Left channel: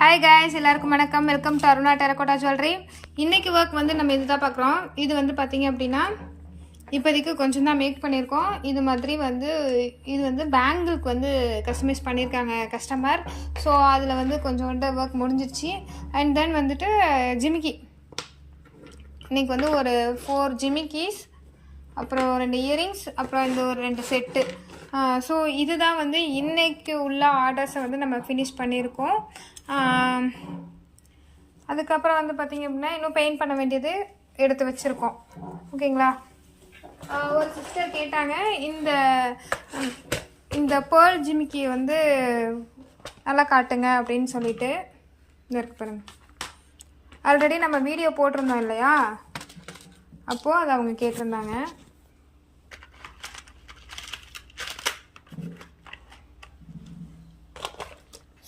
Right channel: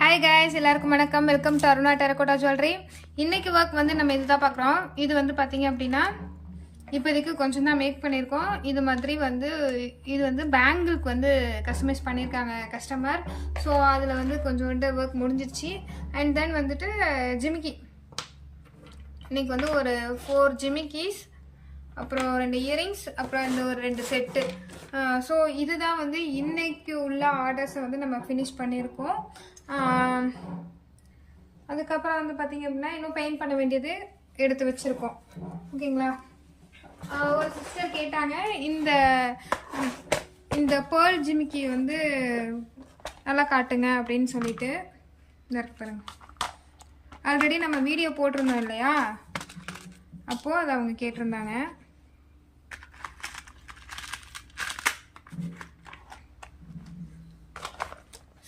Hi guys, எல்லாருக்கும் வணக்கம். Welcome to Aruna terracotta jewellery. இன்றைக்கி ஒர்க் வந்து நம்ம இது தான் பார்க்குறோம். இது வந்து பார்த்திங்க அப்படின்னா இப்போதைக்கு கொஞ்சம் தான் மேக் பண்ணியிருக்கோம். இது வந்து பேங்கிளுக்கு வந்து கஸ்டமைஸ் பண்ணியிருக்காங்க கஸ்டமர். ஸோ அதில் வந்து கொஞ்சோண்டு ஒர்க் முடிஞ்சிருச்சு. அண்ட் தென் வந்துட்டு ஜிமிக்கி இன்றைக்கி வந்து ஒரு 4 ஜிமிக்கிஸ், அப்புறம் 2 இயரிங்ஸ், அப்புறம் இந்த ஒரு 2 செட்டு. ஸோ இதுதான் வந்து இன்றைக்கு உள்ள ஆர்டர்ஸை வந்து நம்ம ஃபினிஷ் பண்ணியிருக்கோம். அதுக்கப்புறம் வந்து பார்த்திங்க அப்படின்னா இன்னும் பெயிண்ட் பண்ண வேண்டியது எடுத்து வச்சுருக்கோம். ஓகேங்களா? ஒரு சிஸ்டர் கேட்டாங்க, இந்த பேர்ல் ஜிமிக்கி வந்து நல்லா காட்டுங்க அப்படின்னு சொல்லிட்டு. இந்த இருக்கு பாருங்க, ஆல்ரெடி நம்ம வீடியோ போட்டிருந்தோம் இல்லையா, அப்போது அதை அவங்க கேட்டிருந்தாங்க.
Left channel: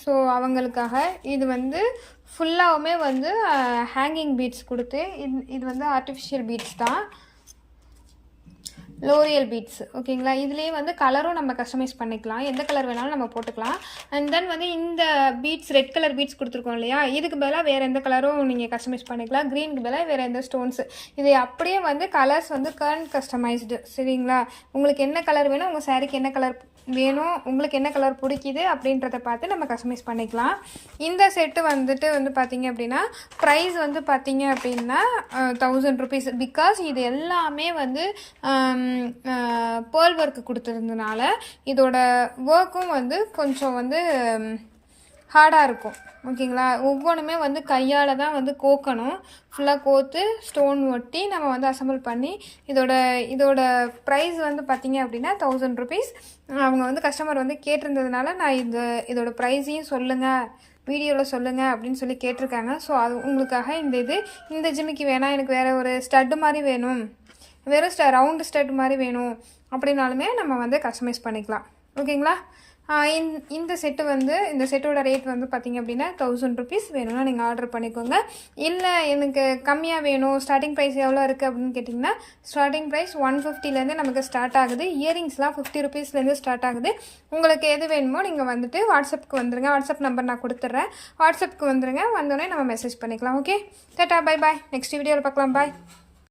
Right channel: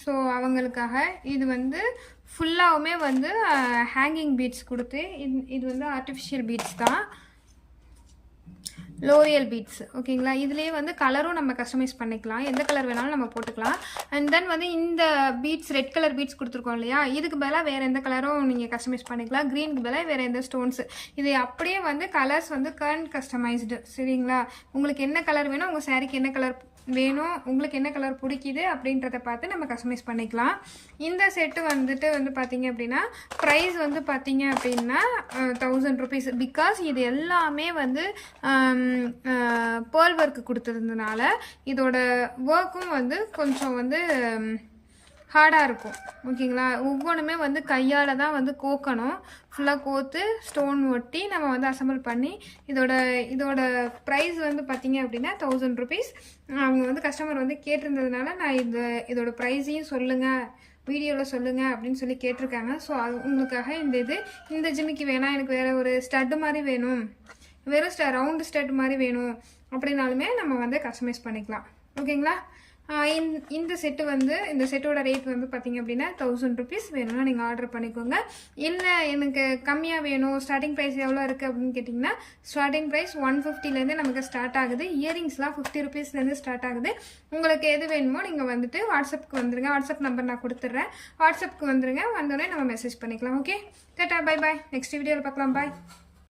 ஸோ அவங்களுக்காக இது வந்து ஃபுல்லாகவுமே வந்து ஹேங்கிங் பீட்ஸ் கொடுத்து, இது வந்து ஆர்டிஃபிஷியல் பீட்ஸ் தான், லோரியல் பீட்ஸ். ஓகேங்களா? இதுலேயே வந்து கலரும் நம்ம கஸ்டமைஸ் பண்ணிக்கலாம், எந்த கலர் வேணாலும் நம்ம போட்டுக்கலாம். அண்ட் தென் வந்து இந்த பீட்ஸ் ரெட் கலர் பீட்ஸ் கொடுத்துருக்கோம் இல்லையா, இதுக்கு பதிலாக வேறு எந்த கலரும் நீங்கள் கஸ்டமைஸ் பண்ணிக்கலாம். க்ரீனுக்கு பதிலாக வேறு எந்த ஸ்டோன்ஸு, இது அப்படியே வந்து கலர்ஸ் வந்து கஸ்டமைஸ்டு. சரிங்களா? உங்களுக்கு என்ன கலர் வேணும், உங்கள் சாரீக்கு என்ன கலர் வேணும், உங்களுக்கு என்ன கலர் பிடிக்குது அப்படின்றத பார்த்து நம்ம கஸ்டமைஸ் பண்ணிக்கலாம். இந்த செட்டு வந்து பார்த்திங்க அப்படின்னா ப்ரைஸ் வந்து பார்த்திங்க அப்படின்னா 1000 rupees. பிகாஸ் இது எல்லாமே வந்து பேர்ல் ஒர்க்கு கொடுத்துருந்ததுனால இதோட ஒர்க்கும் வந்து கொஞ்சம் வந்து ஹார்டாக இருக்கும். ஓகேங்களா? ஒவ்வொன்றுமே வந்து கையால் தான் வந்து கோக்கணும். ஃபுல்லாக கோத்து ஸ்டோன் ஒட்டி நம்ம வந்து அசம்பிள் பண்ணி இதோட ப்ரைஸ் வந்து பார்த்திங்க அப்படின்னா 1000 rupees. அவங்க வந்து கஸ்டமர் வந்து கேட்டிருந்ததுனால நான் இதோட ப்ரைஸையும் சொல்லுங்கள், வீடியோவில் சொல்லுங்கள் அப்படின்னு சொல்லி கேட்டிருக்காங்க. ஸோ அது உங்களுக்காக இந்த ஜிமிக்கி வேணாம், எனக்கு வேறு ஒரு ஸ்டட்டு மாதிரி வேணும், வெறும் ரவுண்டு ஸ்டட் மாதிரி வேணும் அப்படின்னாலுமே நம்ம வந்து கஸ்டமைஸ் பண்ணிக்கலாம். ஓகேங்களா? இந்த செட்டோட ரேட் வந்து பார்த்திங்க அப்படின்னா 1000 rupees. வேணும்னா நீங்கள் ஆர்டர் பண்ணிக்கோங்க. இல்லை எனக்கு கம்மியாக வேணும், ஸ்டார்டிங் ப்ரைஸ் எவ்வளோ இருக்குது அப்படின்னு கேட்டிங்கன்னா ஸ்டார்டிங் ப்ரைஸ் 150லேருந்து நமக்கு ஸ்டார்ட் ஆகுது. இயரிங்ஸ்லாம் 50 rupeesலேருந்து ஸ்டார்ட் ஆகுது. உங்களுக்கு எது வேணுமோ நீங்கள் வந்துட்டு வாட்ஸ்அப்புக்கு வந்துடுங்க. வாட்ஸ்அப் நம்பர் நான் கொடுத்துட்றேன், வாட்ஸ்அப்புக்கு வந்துடுங்க. வந்தோடனே நம்ம மெசேஜ் பண்ணிக்கலாம். Okay, Tata, bye bye. Next வீடியோவில் பார்க்கலாம். பாய்.